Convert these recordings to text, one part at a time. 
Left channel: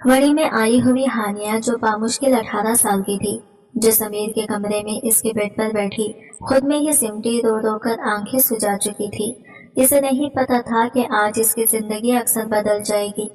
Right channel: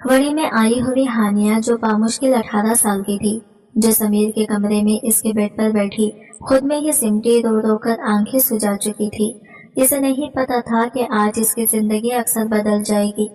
वड़ी में आई हुई हानिया जो बामुश्किल 18 साल की थी, जो समीर के कमरे में इसके बेड पर बैठी खुद में ही सिमटी रो रो कर आंखें सुजा चुकी थी। इसे नहीं पता था कि आज इसकी जिंदगी अक्सर बदल जाएगी।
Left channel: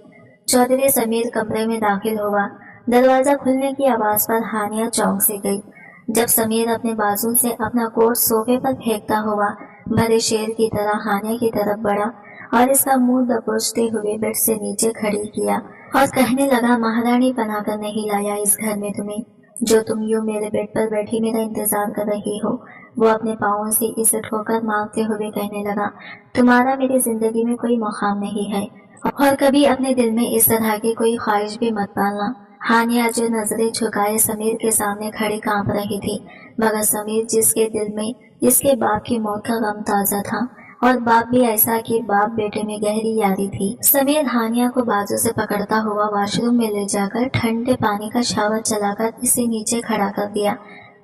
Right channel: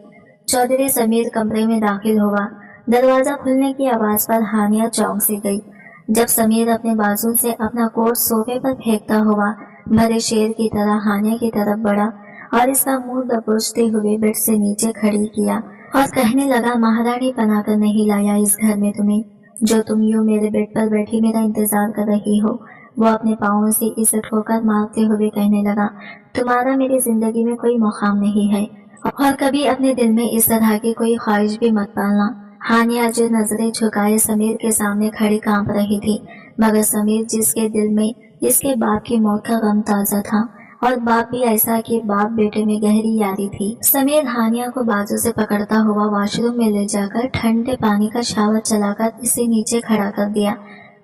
चौधरी समीर कमरे में दाखिल हुआ। दरवाजा खुलने की आवाज पर हानिया चौंक सी गई। जब समीर अपने बाजू से अपना कोट सोफे पर फेंकता हुआ भरे शेर की तरह हानिया की तरफ बढ़ा और इसका मुंह दबोचते हुए बेड से नीचे खड़ी किया और कहने लगा, महारानी बनाकर नहीं लाया इस घर में तुम्हें, जो तुम यूं मेरे बेड पर बैठी मेरा इंतजार कर रही हो। वो अपने पाँवों से इसे ठोकर मारते हुए कहने लगा, तुम्हारा मेरी जिंदगी में कोई मुकाम नहीं है और कभी अपने दिल में इस तरह की कोई ख्वाहिश भी मत पालना। हानिया जो नजरें झुकाए समीर के सामने खड़ी कांप रही थी, मगर समीर जिसके दिल में इसके बाप की मौत का गम ताजा था, और बाप भी ऐसा कि बाप बेटे में गहरी यारी थी। समीर हानिया को बाजू से पकड़ता हुआ वॉशरूम में ले जाकर ठंडे पानी का शावर चलाकर इसे नीचे खड़ा कर दिया।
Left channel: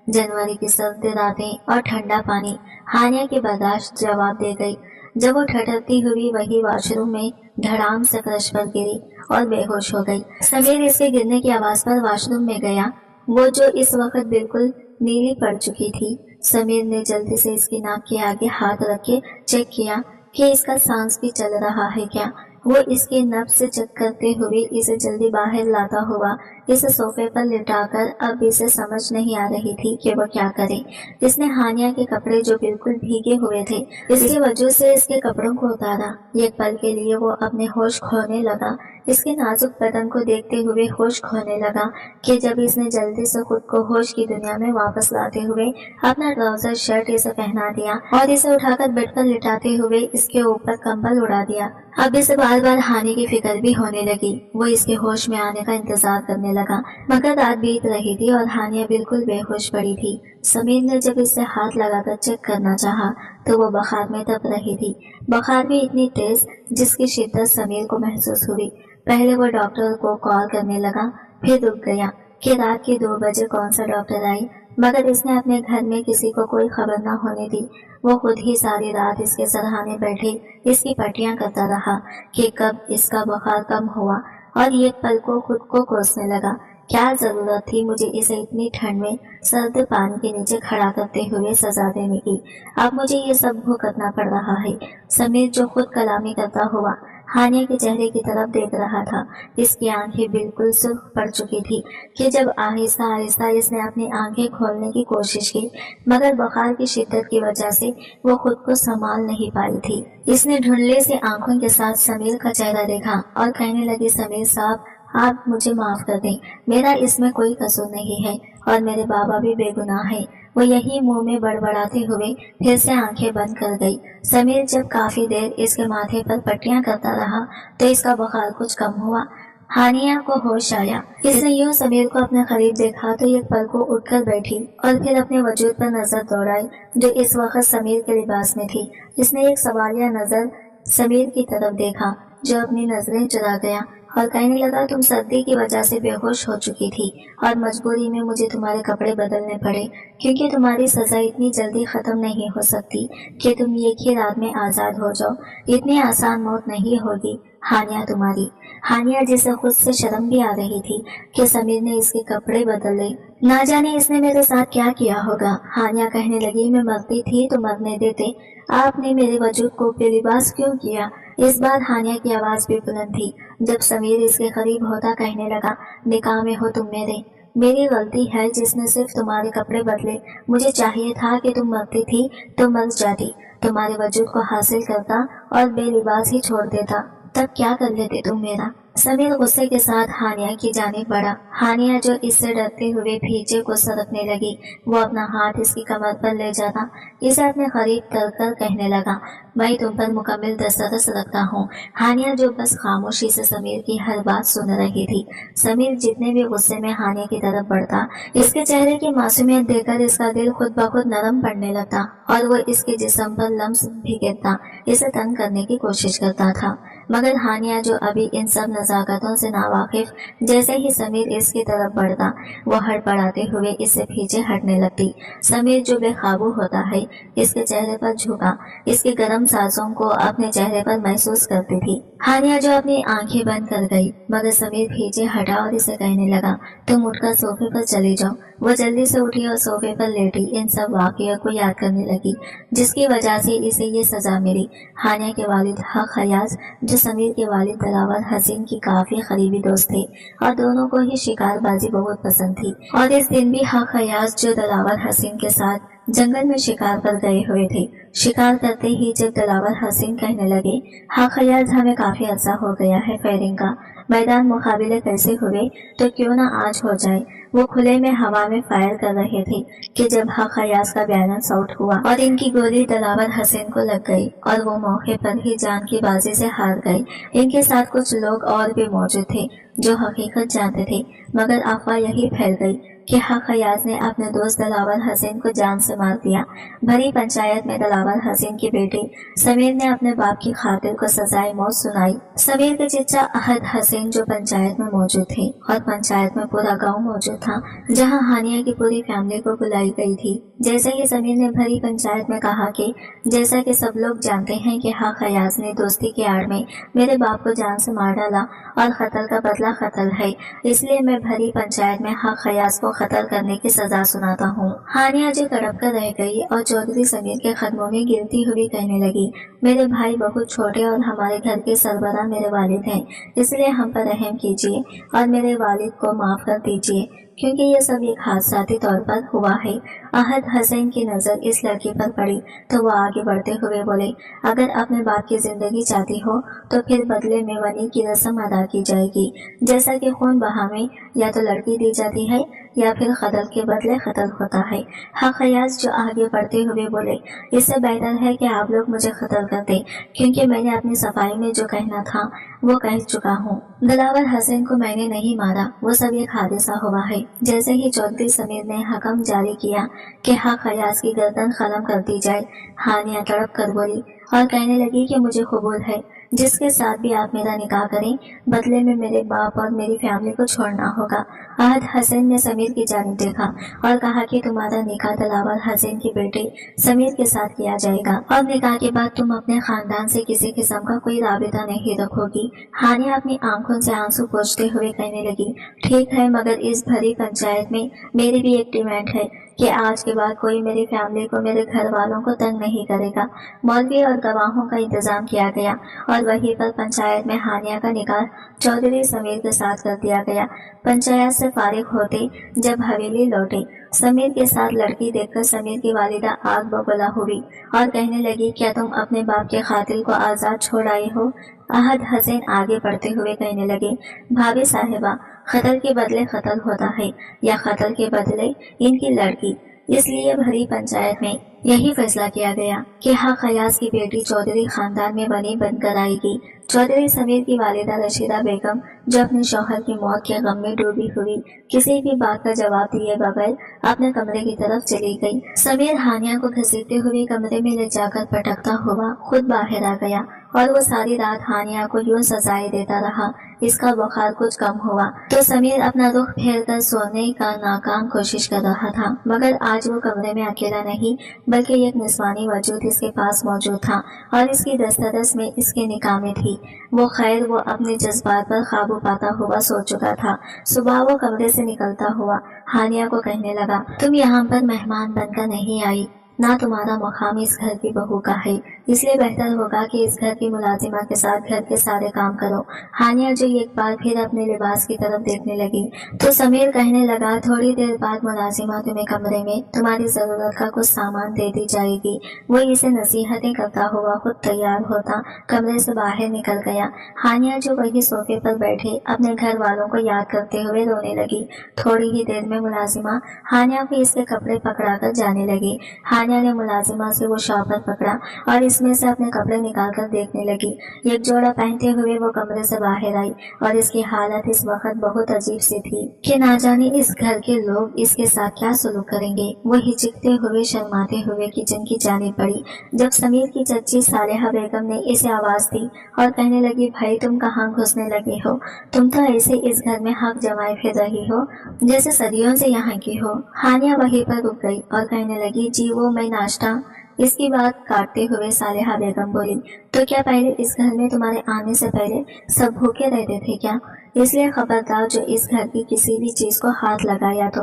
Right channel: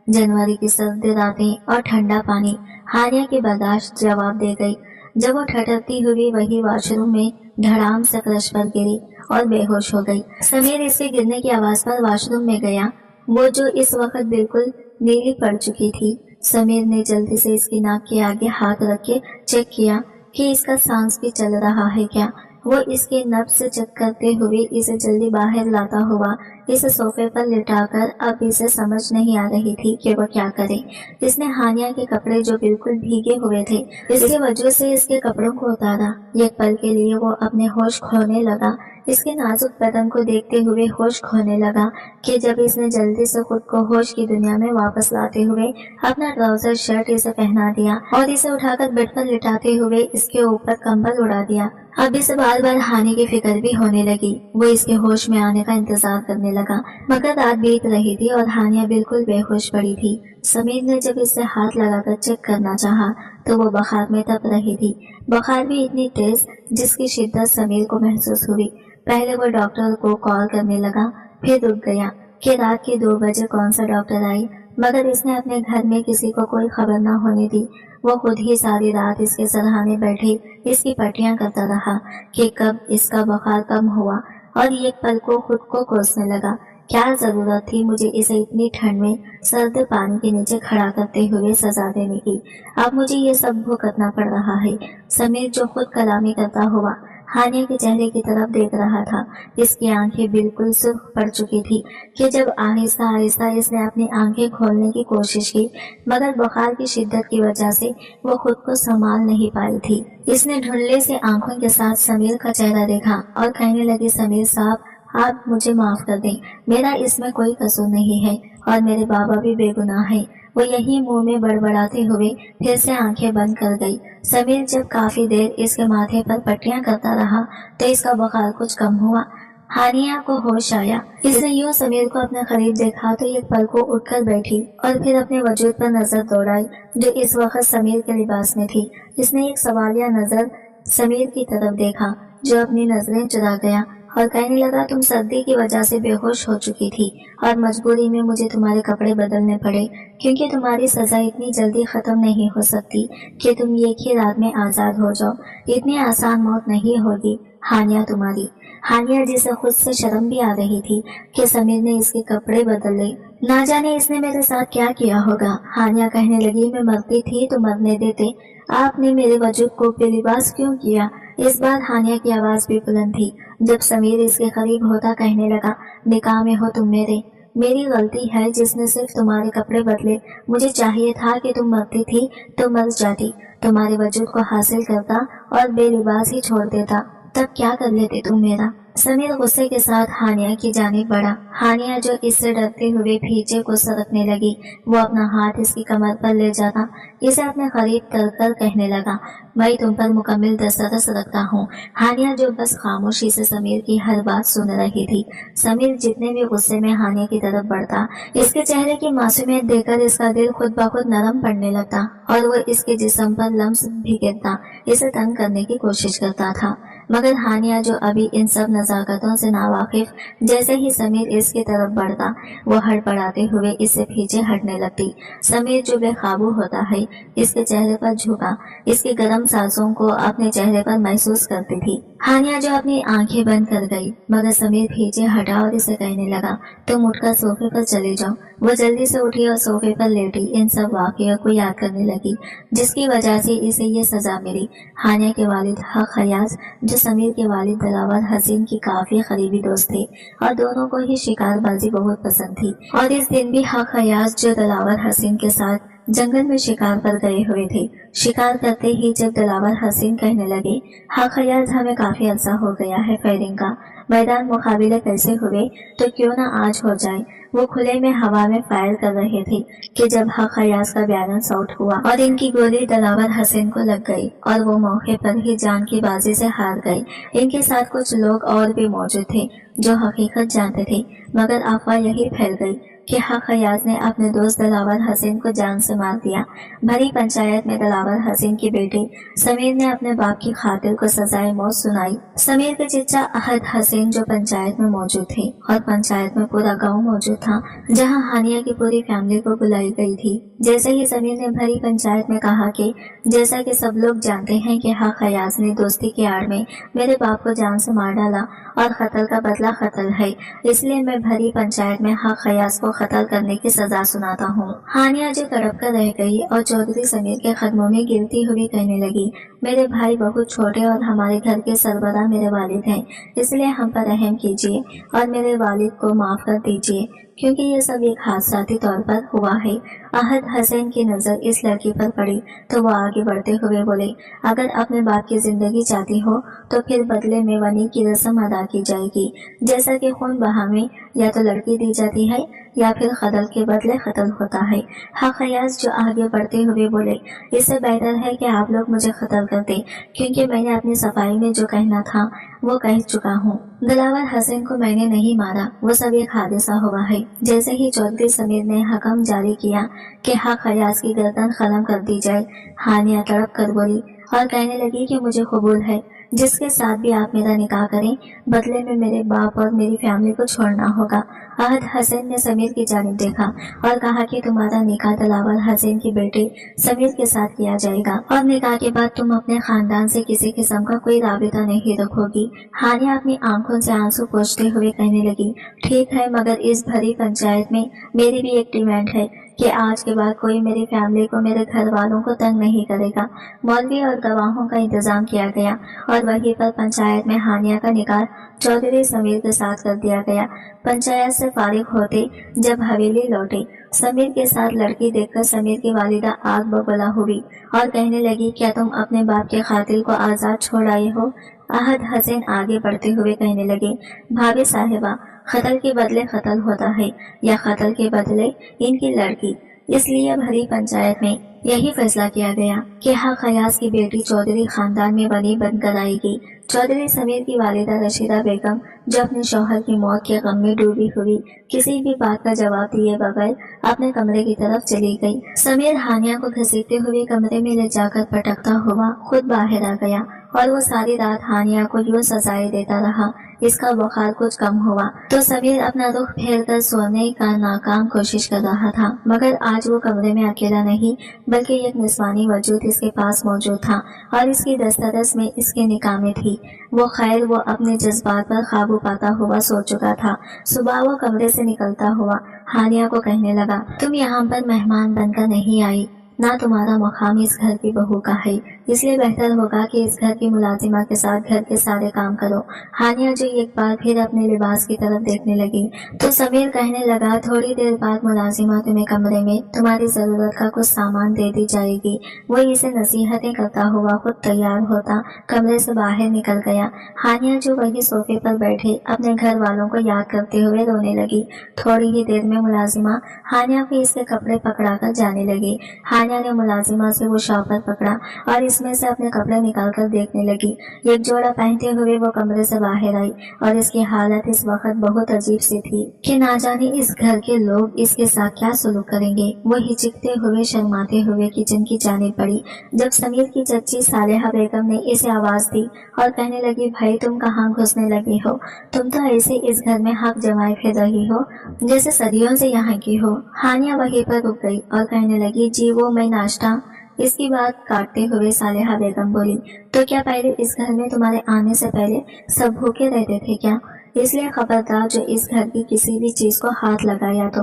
जनवरी की सर्द रातें और ठंडा पानी हानिया की बर्दाश्त जवाब दे गई। जब वो ठठरती हुई वही वॉशरूम में धड़ाम से फर्श पर गिरी और बेहोश हो गई। समीर इसके गिरने की आवाज पर वॉशरूम में गया, वो जो इस वक्त बिल्कुल नीली पड़ चुकी थी। समीर ने जल्दी से इसकी नाक के आगे हाथ रख के चेक किया कि इसका सांस भी चल रहा है क्या। वो इसके नब्ज से चेक करते हुए इसे जल्दी बाहर लाता हुआ इसे सोफे पर लिटाकर अब इसे समझ नहीं आ रही थी कि वो क्या करे। इसने हानिया के कपड़े जो बिल्कुल भीगे हुए थे इसकी वजह से इसके कपड़ों को उतारा। एक पल के लिए वो अपने होश खोने लगा। इसके नाजुक बदन को देखते हुए होश खोने लगा कि जब इसने जल्दी से खुद को होश की दुनिया में वापस लाते हुए अपना ट्राउजर शर्ट इसे पहना दिया और इसे उठाकर बेड पर लिटाते हुए इसके ऊपर कंबल उड़ा दिया। अब इसे बार बार हानि की फिक्र भी होने लगी। वो इसके होश में आने का इंतजार करने लगा, मगर रात बीत रही थी और हानिया बिल्कुल बेहोश पड़ी थी। समीर ने जब इसे हाथ लगाकर चेक करना चाहा तो वो बुखार में तप रही थी। बुखार भी इतनी तेज जिसकी शिद्दत समीर को महसूस हुई। पहले वो डॉक्टर को कॉल करने लगा, फिर रुक गया कि रात के 2 बजे कौन सा डॉक्टर आई, मगर इसने अपने घर में किसी को कोई खबर न होने दी। वो खुद ही सारी रात इसके सरहाने बैठे इसकी पट्टियां करता रहा कि कब इसका बुखार कम हुआ, और एक पल को खुद को कोसने लगा, क्या जरूरत थी मुझे इसे इतनी ठंड में सर्द पानी के नीचे खड़ा करते हुए सजा देने की। अब मुझे ये सब भुगतना पड़ रहा है। समीर जो खुद कलामी करता हुआ हानिया के चेहरे की तरफ देख रहा था। इसकी आंखें बिल्कुल सुर्ख पड़ चुकी थी कि जब आहिस्ता आहिस्ता इसने अपनी आंखें खोलने की कोशिश की, मगर बुखार की शिद्दत की वजह से वो खुद को संभाल नहीं पाई थी। इसने ढूंढले से आंखों के साथ समीर का चेहरा देखा और कहने लगी, समीर साहब, आप मुझे माफ कर दें, मेरा इसमें कोई कसूर नहीं है और मेरे बाबा भी बेगुनाह हैं। वो यही मुंह में बड़बड़ाते हुए फिर से आंखें बंद कर गई। समीर जब काफी देर इसके माथे पर पट्टियां करता रहा तो इसका बुखार कुछ कम हुआ। हानिया को होश आया। इसने यूं समीर को अपने करीब देखा तो एक पल को उठकर बैठी और फिर अपने वजूद पर नजर दौड़ाई जो इस वक्त समीर के लिबास में थी। इसने एक सवालिया नजर समीर की तरफ देखा जो अपनी नजरें चुरा गया और कहने लगा, तुम सर्दी की वजह से बेहोश हो चुकी थी और मजबूरी में मुझे तुम्हारे कपड़े बदलने पड़े, क्योंकि तुम्हारी सजा इतनी जल्दी खत्म नहीं हो सकती कि तुम एक ही रात में आजाद हो जाओ। इतनी आसान मौत नहीं होगी हानिया तुम्हारी। हानिया जिसे खुद से शर्म भी आ रही थी कि समीर ने इसके कपड़े बदले, ना जाने इसने मेरे साथ क्या किया होगा। हानिया कहने लगी, मैं मरती थी तो मरने देते, आपने मेरे वजूद को बेलिबास क्यों किया। इस बार हानिया की आवाज भी बुलंद थी। जब समीर इसके करीब होता कहने लगा, निकाह में हो तुम मेरे, मेरी गलती है जिसने सिर्फ तुम्हारे कपड़े बदले। मुझे चाहिए था कि तुम मरती थी तो मर जाती, तुम्हारे वजूद को हासिल करता और बेलिबास ही छोड़ देता, तब क्या कर लेते तुम मेरा। समीर गुस्से के साथ हानिया की जानिब बढ़ा। हानिया जो इससे डरते हुए पीछे को सरकने लगी, वो अपना हाथ इसकी कमर पर ले जाता इसे अपने करीब कर कहने लगा, मैं तुम पर मुकम्मल दस्तरस रखता हूँ। हानिया जो बस खामोशी से समीर की हर बात सुन रही थी। समीर जितने भी गुस्से में हानिया की तरफ बढ़ता, इसके चेहरे की मासूमियत देखकर इसका दिल खुद ब खुद नरम पड़ने लगता और वो इसके जिस्म पर लम्स भिगेरता इसे तंग करने की कोशिश करता था। मगर हानिया जो अभी इन सब नजाकतों से नावाकिफ, जैसे ही समीर इसकी तरफ बढ़ता वो हड़बड़ाते हुए इससे पीछे हटने लगती। समीर जो बेकाबू होता है इसके चेहरे पर झुका, इसके गर्म सांसों को अपने चेहरे पर महसूस करती थी। हानिया जो अपनी आंखें बंद कर गई, मगर समीर पीछे हटा और इसे कहने लगा, तुम उठकर सोफे पर चली जाओ। वो जल्दी से उठी और सोफे पर लेटी इन सब वाकयों को याद करने लगी जिसकी वजह से इसे ये सजा मिली। हानिया के वालिद हक हयाज, जो समीर के वालिद दिलावर हसीन की काफी करीबी दोस्त थे और दोनों को ही शिकारबाजी बहुत पसंद थी, और इस दिन भी हक हयाज जो दिलावर हसीन के साथ जंगल में शिकार पर गए हुए थे। शिकार करते ही जब दिलावर हसीन कहने लगे, हक हयाज हमें काफी अरसा हो गया है फायरिंग का, मैदान मुकाबले कैसे हुए तो क्यों ना आज हो जाए। वो खुले में हवा में फायर कर रहे थे कि जब हक हयाज का बैलेंस आउट हुआ और इनकी गोली दिलावर हसीन को लग गई और वो मौके पर ही जान की बाजी से हार गए। इनके साथ कुछ लोग और भी मौजूद थे जो हकीकत जानते थे, मगर अफवाह यही फैल गई कि हक हयाज ने अपने दोस्त दिलावर हसीन को जान से मार दिया। भरी पंचायत में दिलावर हसीन के बेटे समीर ने अपने बाप की खातिर को सजाए मौत सुनाई। समीर के चचा अहद हसीन जो पंचायत में मौजूद थे और पंचायत में पूरा गांव मौजूद था, जहां हानिया की पूरी फैमिली को बुलाई गई थी। जैसे ही समीर ने भरी पंचायत में कहा कि जैसा कि सब लोग जानते हैं कि हक हयाज ने दोस्ती के आड़ में मेरे बाप को जान से मार डाला और कत्ल का बदला कत्ल है, इसलिए मैं भरी पंचायत में हक हयाज को कत्ल करने की सजा सुनाता हूँ। हानिया जो तड़प कर रह गई और चौधरी समीर के कदमों में गिरती हुई कहने लगी, मेरे भाई बहुत छोटे और हमारे घर के सरबराह मेरे वालिद हैं, इसलिए हम पर रहम कीजिए और मेरे वालिद को माफ कर दीजिए, क्योंकि ये सब एक हादसाती तौर पर हुआ है। अहद हसन की नज़र इस लड़की पर पड़ी तो वो आगे बढ़ते हुए बोले, अगर अपने बाप की जिंदगी चाहती हो तो फिर बदले में वनी की रस्म अदा की जाएगी, जैसा कि खून बहा में या तो लड़की दी जाती है या फिर कत्ल के बदले कत्ल होता है। हक हयाज जो आगे बढ़ते हुए बोले, इससे बेहतर है कि आप लोग मुझे कत्ल कर दें, क्योंकि मैंने अपनी सफाई में जो कहना था वो कह चुका हूँ। दिलावर हसन को मैंने नहीं मारा, वो सब एक हादसा हुआ है। जैसे ही चौधरी समीर ने हुक्म जारी किया कि हक हयाज की गर्दन खलम कर दी जाए, हानिया तड़प कर बोली और कहने लगी कि मुझे कबूल है, जिसके साथ भी आप मेरा निकाह करें, बदले में मेरे बाप और मेरी फैमिली को छोड़ना होगा। अहद हसन ने समीर की जानिब देखा और कहा कि तुम्हारा निकाह दिलावर हसन के बेटे समीर के साथ किया जाएगा और निकाह के बाद तुम अपने खानदान से किसी किस्म का कोई राबिता नहीं रखोगी। हानिया अपनी आंखों से आंसू पोंछते हुए कहने लगी, ठीक है, मगर इस भरी पंचायत में मेरी भी एक डिमांड है कि आज के बाद कोई मेरी फैमिली को, मेरे घर वालों को तंग नहीं करेगा। मौलवी और गवाहों का इंतजाम किया गया और वहीं पर पंचायत में हानिया का निकाह चौधरी समीर के साथ कर दिया गया। पंचायत से फारिग होते जब हवेली लौटे, समीर के साथ लड़की देखकर समीर की वालिदा आग बबूला हुई और कहने लगी, क्या तुम अपने बाप के कातिल को आज़ाद छोड़ आए हो? अहद हसन आगे बढ़ते हुए कहने लगे, भाभी साहिबा, कत्ल के बदले कत्ल होता है या कत्ल के बदले इनकी लड़की। इसलिए भरी पंचायत में यही फैसला किया गया कि हक हयाज की बेटी चौधरी खानदान में बनी बन कर आएगी। चौधरी समीर की वालिदा रशीदा बेगम, जो अपने शौहर की मौत के गम में डूबी हुई, किसी भी बात का जवाब दिए बगैर अपने कमरे की तरफ चली गई। समीर हानिया को घसीटते हुए कमरे में ले जाकर पटकता हुआ खुद बाहर आ गया और वो सारी रात हानिया को यूं सजाएं देता रहा। इसका बुखार कुछ कम हुआ तो समीर अपना रुख फेर कर सोने का नाकाम कोशिश कर रहा था, मगर आज वो कमरे में अकेला नहीं बल्कि एक निस्वानी वजूद इसके पास मौजूद था और इसकी दस्तरस में इसके निकाह में थी। वो खैर वो अपने जज्बात पर काबू पाता हुआ सो चुका था। सुबह वो कमरे से निकलता हुआ हानिया को कहने लगा, तुम यहाँ पर मेहमान बनकर नहीं आई, ना तुम्हारा मुकाम इस घर की बहू का है, इसलिए बेहतर होगा कि इस घर की मुलाजिमा के साथ घर के सारे काम करो। हानिया जो एक बार फिर अपने लिबास की तरफ देखने लगी तो समीर कहने लगा, थोड़ी देर बाद मुलाजिमा तुम्हें कमरे में तुम्हारी जरूरत का कुछ सामान दे दी जाएगी। वो इसे नसीहतें करता हुआ खुद तैयार होता कमरे से बाहर निकल गया। हानिया जो वही सोफे पर बैठे अपने घर वालों को याद करते हुए रोने लगी। थोड़ी ही देर में मुलाजिमा हानिया को इसके कपड़े पकड़ा कर जाने लगी। हानिया ने मुलाजिमा से वो शॉपर पकड़ा और इसमें से अपने कपड़े निकालकर देखने लगी। एक जोड़ा पहनते हुए वो कमरे से बाहर आई और इसकी हालत इस वक्त बहुत अजीब सी थी कि ना जाने इस घर के लोग इसके साथ क्या सलूक करेंगे। वो हिचकते हुए शर्माते हुए किचन की जानिब बढ़ी जब समीर की चच्ची सालेहा बेगम ने इसे आवाज दी और कहने लगी, भाई तुम कहाँ घुसने लगी हो? तुम तो ऐसे इस घर में हक जमाए फिर रही हो जैसे सदियों से यहाँ की हो। हानिया वहीं पर रुक गई और कहने लगी, जी वो मैं नाश्ता اس کی بات کاٹتے ہوئے صالحہ بیگم بولی، تو کیا پہلے اس گھر میں تمہارے آنے سے پہلے سب بھوکے رہتے تھے کیا؟ اس لیے خبردار جو اس گھر کی کسی بھی چیز کو ہاتھ لگایا تو۔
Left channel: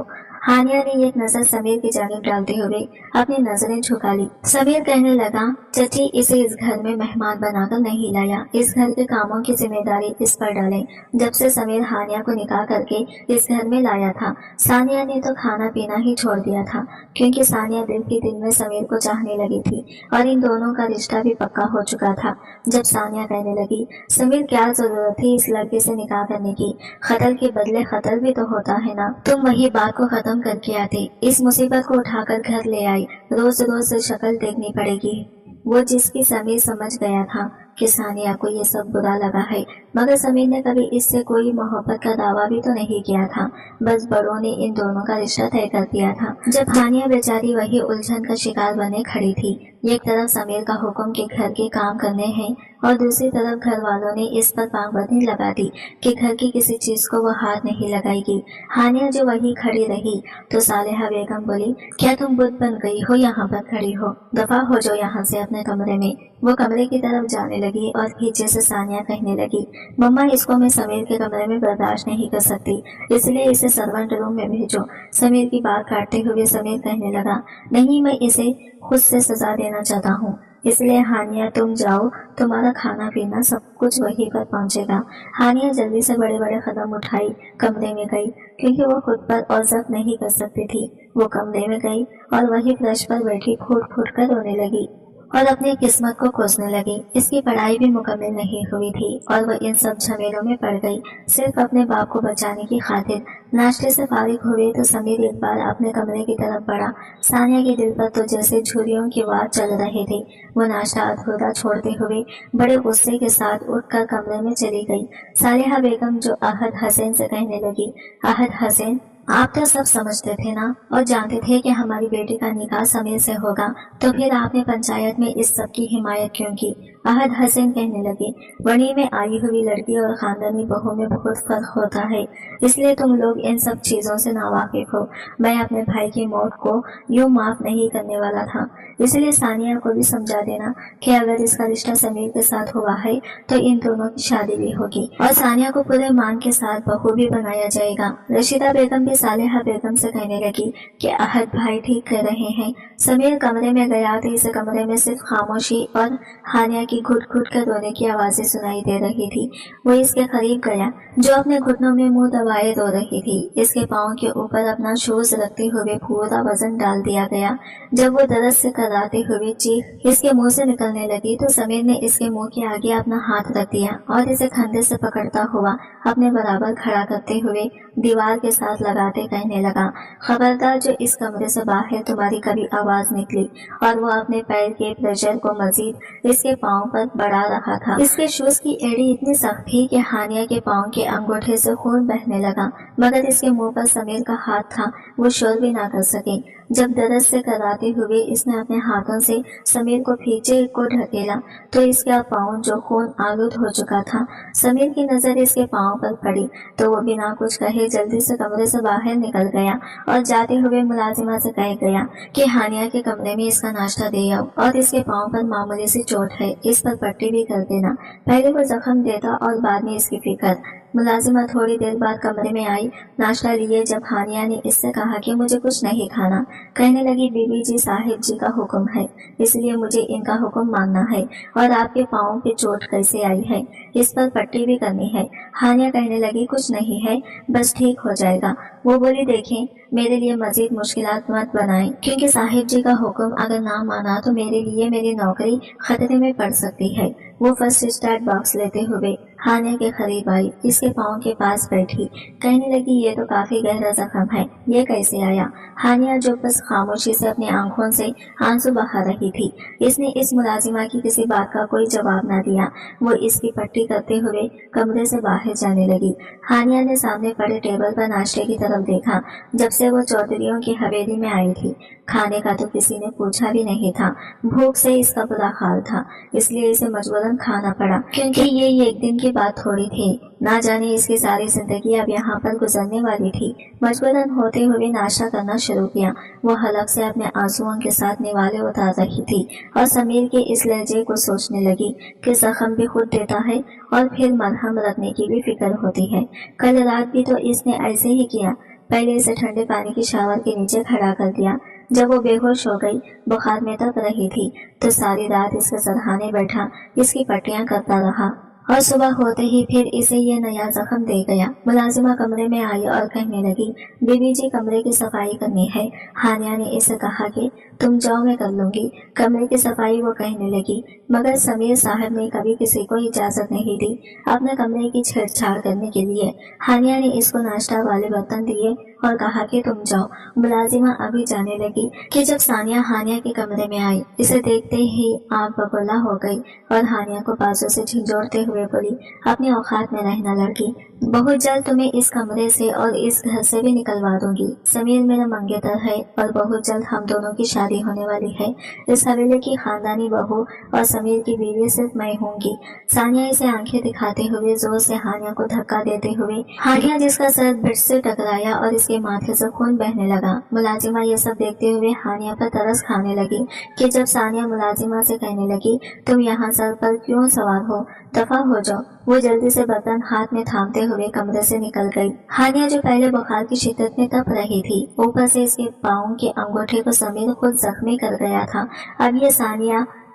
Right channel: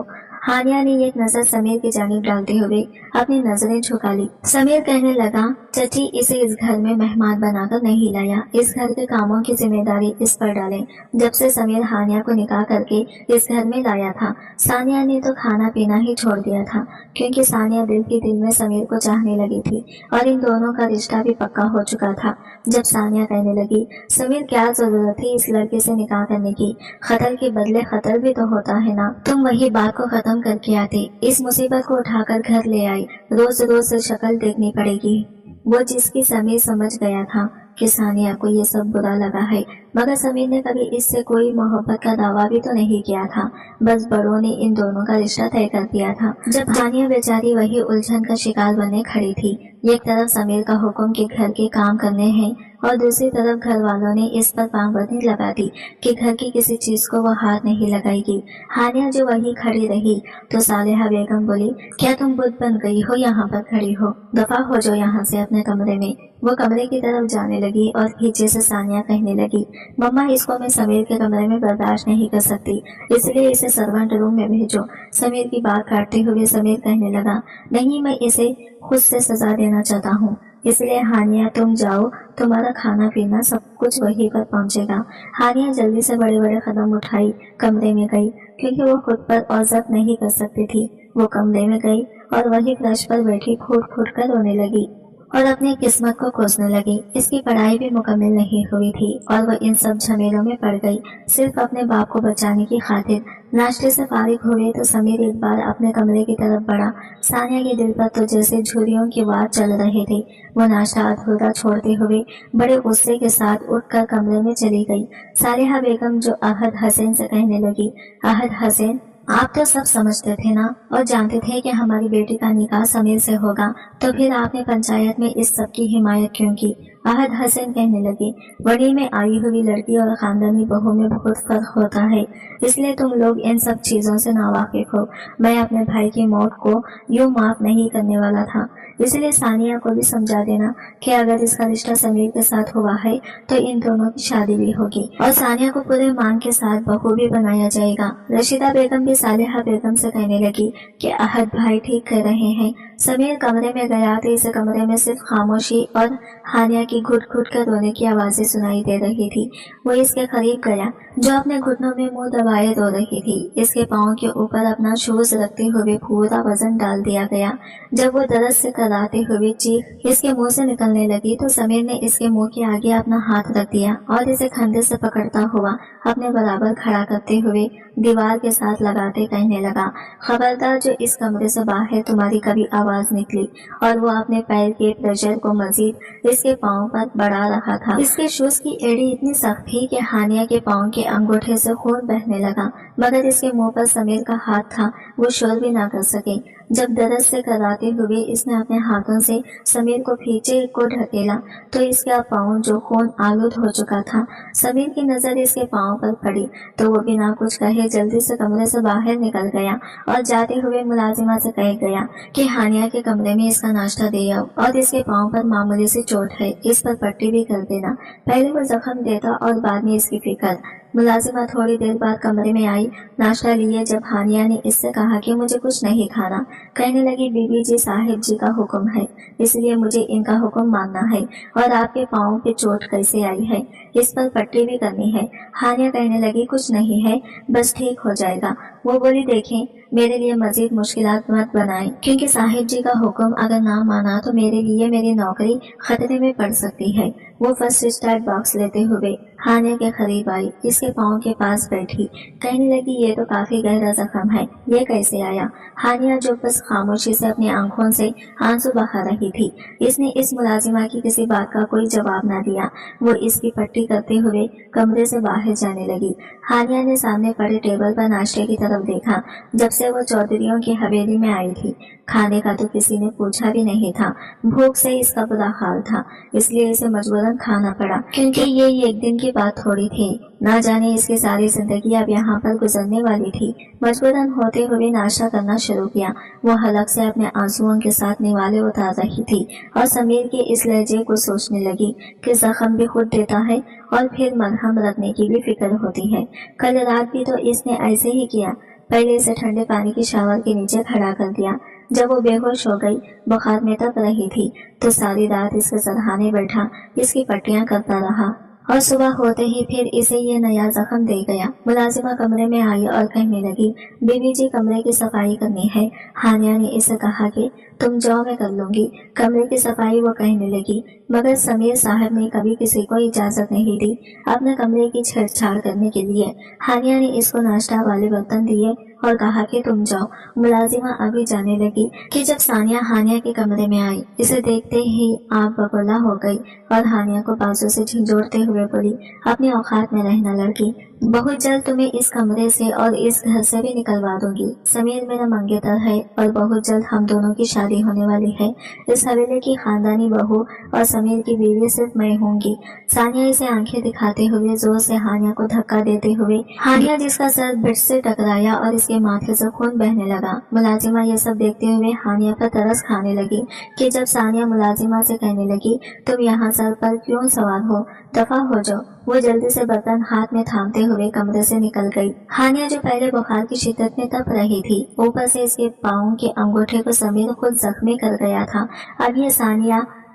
ہانیہ نے ایک نظر سمیر کی جانب ڈالتے ہوئے اپنی نظریں جھکا لی۔ سمیر کہنے لگا، چچی اسے اس گھر میں مہمان بنا کر نہیں لایا، اس گھر کے کاموں کی ذمہ داری اس پر ڈالیں۔ جب سے سمیر ہانیہ کو نکاح کر کے اس گھر میں لایا تھا، ثانیہ نے تو کھانا پینا ہی چھوڑ دیا تھا، کیونکہ ثانیہ دل ہی دل میں سمیر کو چاہنے لگی تھی اور ان دونوں کا رشتہ بھی پکا ہو چکا تھا۔ جب ثانیہ کہنے لگی، سمیر کیا ضرورت تھی اس لڑکے سے نکاح کرنے کی، خطر کے بدلے خطر بھی تو ہوتا ہے نا، تم وہی بات کو ختم کر کے آتی، اس مصیبت کو اٹھا کر گھر لے آئی، روز روز شکل دیکھنی پڑے گی۔ وہ جس کی سمیر سمجھ گیا تھا کہ ثانیہ کو یہ سب برا لگا ہے، مگر سمیر نے کبھی اس سے کوئی محبت کا دعویٰ بھی تو نہیں کیا تھا، بس بڑوں نے ان دونوں کا رشتہ طے کر دیا تھا۔ جب ثانیہ بیچاری وہی الجھن کا شکار بنے کھڑی تھی، ایک طرف سمیر کا حکم کہ گھر کے کام کرنے ہیں اور دوسری طرف گھر والوں نے اس پر پابندی لگا دی کہ گھر کی کسی چیز کو وہ ہاتھ نہیں لگائے گی، ہانیہ جو وہی کھڑی رہی تو صالحہ بیگم بولی، کیا تم بت بن گئی ہو یہاں پر کھڑی ہو، دفع ہو جاؤ یہاں سے اپنے کمرے میں۔ وہ کمرے کی طرف جانے لگی اور پیچھے سے ثانیہ کہنے لگی، مما اس کو میں سمیر کے کمرے میں برداشت نہیں کر سکتی، اس لیے اسے سرونٹ روم میں بھیجو۔ سمیر کی بات کاٹتے ہوئے سمیر کہنے لگا، نہیں میں اسے خود سے سزا دینا چاہتا ہوں، اس لیے ہانیہ تم جاؤ، تمہارا کھانا پینا سب کچھ وہیں پر پہنچے گا۔ ہانیہ جلدی سے بڑے بڑے قدم اٹھائی کمرے میں گئی، کیونکہ وہ خود پر اور ضبط نہیں کر سکتی تھی۔ وہ کمرے میں گئی اور وہی فرش پر بیٹھی پھوٹ پھوٹ کر رونے لگی اور اپنی قسمت کو کوسنے لگی۔ اس کی پڑھائی بھی مکمل نہیں ہوئی تھی اور وہ ان سب جھمیلوں میں پڑ گئی صرف اپنے باپ کو بچانے کی خاطر۔ ناشتے سے فارغ ہوئے تو سمیر ایک بار اپنے کمرے کی طرف بڑھا، ثانیہ کے دل پر تو جیسے جھریوں کی وار چل رہے تھے۔ وہ ناشتہ ادھورا چھوڑتے ہوئے بڑے غصے کے ساتھ اٹھ کر کمرے میں چلی گئی۔ صالحہ بیگم جو احد حسین سے کہنے لگی، احد حسین آپ تو سب سمجھتے تھے نا اور جانتے تھے کہ ہماری بیٹی کا نکاح سمیر سے ہوگا، تو پھر آپ نے پنچایت میں اس سب کی حمایت کیوں کی؟ احد حسین کہنے لگے، ولی میں آئی ہوئی لڑکی اور خاندانی بہو میں بہت فرق ہوتا ہے، اس لیے تم لوگ ان سب چیزوں سے ناواقف ہو۔ میں اپنے بھائی کی موت کو یوں معاف نہیں کرنے والا تھا، اس لیے ثانیہ کو بھی سمجھا دینا کہ اگر اس کا رشتہ سمیر کے ساتھ ہوا ہے تو ان دونوں کی شادی بھی ہوگی اور ثانیہ کو پورے مان کے ساتھ بہو بھی بنایا جائے گا۔ رشیدہ بیگم بھی صالحہ بیگم سے کہنے لگی کہ احد بھائی ٹھیک کہہ رہے ہیں۔ سمیر کمرے میں گیا تو اس کمرے میں صرف خاموشی اور ہانیہ کی گھٹ گھٹ کر رونے کی آوازیں سنائی دے رہی تھی۔ وہ اس کے قریب گیا جو اپنے گھٹنوں میں منہ دبائے رو رہی تھی، اس کے پاؤں کے اوپر اپنا شوز رکھتے ہوئے پورا وزن ڈال دیا گیا۔ جب وہ درد سے کراتے ہوئے چیخ اس کے منہ سے نکلنے لگی تو سمیر نے اس کے منہ کے آگے اپنا ہاتھ رکھ دیا اور اسے کندھے سے پکڑتا ہوا اپنے برابر کھڑا کرتے ہوئے دیوار کے ساتھ لگاتے کہنے لگا، خبردار جو اس کمرے سے باہر تمہاری کبھی آواز نکلی۔ اور وہ اپنے پیر کے پریشر کو مزید اس کے پاؤں پر بڑھا رہا تھا۔ اس کے شوز کی ایڑی اتنی سخت تھی کہ ہانیہ کے پاؤں کے انگوٹھے سے خون بہنے لگا، مگر اس کے منہ پر سمیر کا ہاتھ تھا، وہ شور بھی نہ کر سکے۔ جب درد سے کراتے ہوئے اس نے اپنے ہاتھوں سے سمیر کو پیچھے کو ڈھکیلا تو اس کا پاؤں جو خون آلود ہو چکا تھا، سمیر کی نظر اس کے پاؤں پر پڑی تو وہ بنا کچھ کہے جلدی سے کمرے سے باہر نکل گیا اور جاتے ہوئے ملازمہ سے کہہ گیا کہ ہانیہ کے کمرے میں اس کا ناشتہ دے آؤ اور اس کے پاؤں پر معمولی سی چوٹ ہے، اس پر پٹی بھی کر دینا، پہلے وہ زخم دیتا اور بعد میں اس کی فکر۔ ملازمہ تھوڑی دیر بعد کمرے میں آئی ناشتہ لیے۔ جب ہانیہ نے اس سے کہا کہ مجھے کچھ نہیں کھانا، کہنے لگی، بی بی جی صاحب جی کا حکم ہے، اس لیے مجھے ان کا حکم ماننا ہے، اور آپ کے پاؤں پہ چوٹ کیسے آئی ہے، اس پر پٹی بھی کرنی ہے۔ ہانیہ کہنے لگی، کچھ نہیں ہے، بس ٹھیک ہو جائے گا۔ وہ بولی، دیکھیں میرے لیے مزید مشکلات مت بنائیں، کیونکہ صاحب جی کا حکم اگر نہ مانا تو میرے لیے میری نوکری خطرے میں پڑ سکتی ہے۔ وہ فرسٹ اسٹارٹ باکس لیتے ہوئے ہانیہ کے قریب آئی، اس کے پاؤں کے پاس بیٹھی، کہنے لگی، یہ تو کافی گہرا زخم ہے، یہ کیسے آیا؟ ہانیہ جو بس خاموشی سے اپنی آنکھوں سے آنسو بہا رہی تھی، اس نے اس ملازمہ کی کسی بات کا کوئی جواب نہ دیا۔ وہ اس کی پٹی کرتے ہوئے کمرے سے باہر جانے لگی۔ ہانیہ نے سامنے پڑے ٹیبل پر ناشتے کی طرف دیکھا۔ جب سے وہ چودھریوں کی حویلی میں آئی تھی، کھانے کا تو کسی نے پوچھا بھی نہیں تھا، بھوک سے اس کا برا حال تھا، اس لیے اسے مجبوراً کھانا پڑا، کیونکہ یہ ایک دن کی بات تھوڑی تھی۔ ना जाने इसकी सारी जिंदगी अब यहाँ पर गुजरने वाली थी। मजबूरन होते हुए नाश्ता करना शुरू किया। वो हलक से अपने आंसुओं के साथ निवाले उतार रही थी और समीर के इस लहजे को सोचने लगी कि जख्म भी खुद देता है और फिर मरहम रखने की भी फिक्र होती है। कल रात भी तो इसने ऐसे ही किया। पहले इसे ठंडे पानी की शावर के नीचे खड़ा कर दिया। जब वो बेहोश हो गई, बुखार में तप रही थी, तो सारी रात इसके सरहाने बैठा इसकी पट्टियां करता रहा और सुबह होते ही फिर इसे ये नया जख्म दे गया। मुलाजिमा कमरे में आई और कहने लगी, बीबी जी कमरे की सफाई करनी है। हानिया ने इसे कहा कि तुम जाओ, मैं कर लूंगी कमरे की सफाई। वो कहने लगी, मगर समीर साहब ने कभी किसी को इजाजत नहीं दी अपने कमरे की छेड़छाड़ करने के लिए। हानिया ने इसको नाश्ता वाले बर्तन दिए और कहा कि तुम जाओ। मुलाजिमा अभी जाने लगी कि जब सानिया हानिया के कमरे में आई, इसे देखते ही आग बबूला हो गई और हानिया को बाजू से झंझोड़ते हुए बोली, अपने औकात में रहना लड़की, बहुत जल्द तुम्हें इस कमरे से और इस घर से भी निकलवा दूंगी। समीर मेरा मंगेतर है और बहुत जल्द हम दोनों की शादी होने वाली है। इस हवेली की खानदानी बहू और समीर की बीवी सिर्फ मैं होंगी। सानिया इसे आंखें दिखाते हुए जोर से हानिया को धक्का देते हुए, हानिया जिसका सर बेड से टकराया और इसके माथे से खून बहने लगा। मुलाजिमा ये सब देखते हुए हानिया पर तरस खाने लगी कि जब सानिया मुलाजिमा से कहने लगी, तुम यहाँ सर पर क्यों सवार हो, दफा हो जाओ। वो जल्दी से बर्तन हाथ में थामते हुए कमरे से निकल गई। हानिया जो पहले बुखार की शिद्दत में तप रही थी, ऊपर से इसके पाँव के अंगूठे को समीर खुद जख्मी कर गया था। अब ये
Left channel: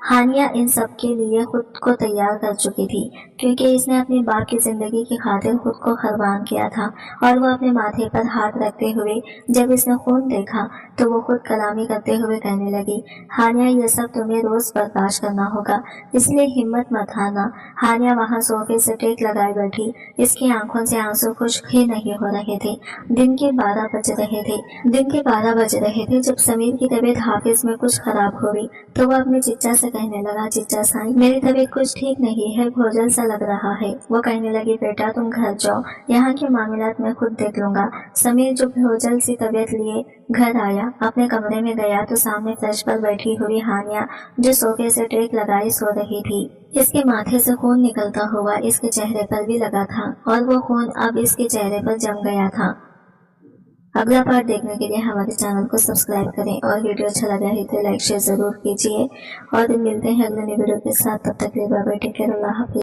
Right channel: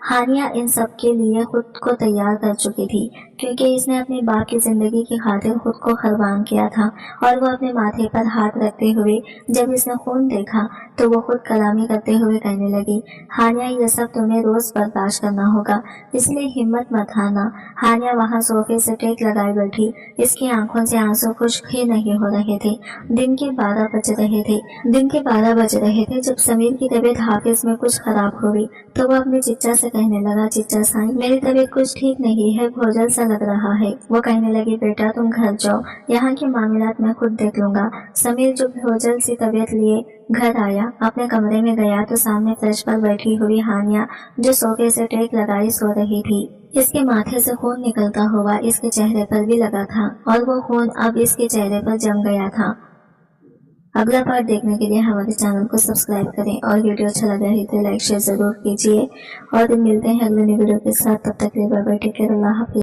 हानिया इन सब के लिए खुद को तैयार कर चुकी थी, क्योंकि इसने अपने बाप की जिंदगी की खातिर खुद को कुर्बान किया था। और वो अपने माथे पर हाथ रखते हुए जब इसने खून देखा तो वो खुद कलामी करते हुए कहने लगी, हानिया ये सब तुम्हें रोज बर्दाश्त करना होगा, इसलिए हिम्मत मत हारना। हानिया वहाँ सोफे से टेक लगाए बैठी, इसकी आंखों से आंसू खुश्क ही नहीं हो रहे थे। दिन के 12 बज रहे थे जब समीर की तबीयत हाफिज में कुछ खराब हो गई तो वो अपने चिच्चा से कहने लगा, चिच्चा साईं मेरी तबीयत कुछ ठीक नहीं है, भोजल सा लग रहा है। वो कहने लगी, बेटा तुम घर जाओ, यहाँ के मामलात मैं खुद देख लूंगा। समीर जो भोजल सी तबीयत लिए घर आया, अपने कमरे में गया तो सामने फर्श पर बैठी हुई हानिया जो सोफे से टेक लगाई सो रही थी। इसके माथे से खून निकलता हुआ इसके चेहरे पर भी लगा था और वो खून अब इसके चेहरे पर जम गया था। अगला पार्ट देखने के लिए हमारे चैनल को सब्सक्राइब करें और वीडियो अच्छा लगा है तो लाइक शेयर जरूर कीजिए और मिलते हैं अगले वीडियो के साथ। तब तक के लिए बाय बाय, टेक केयर, अल्लाह हाफिज।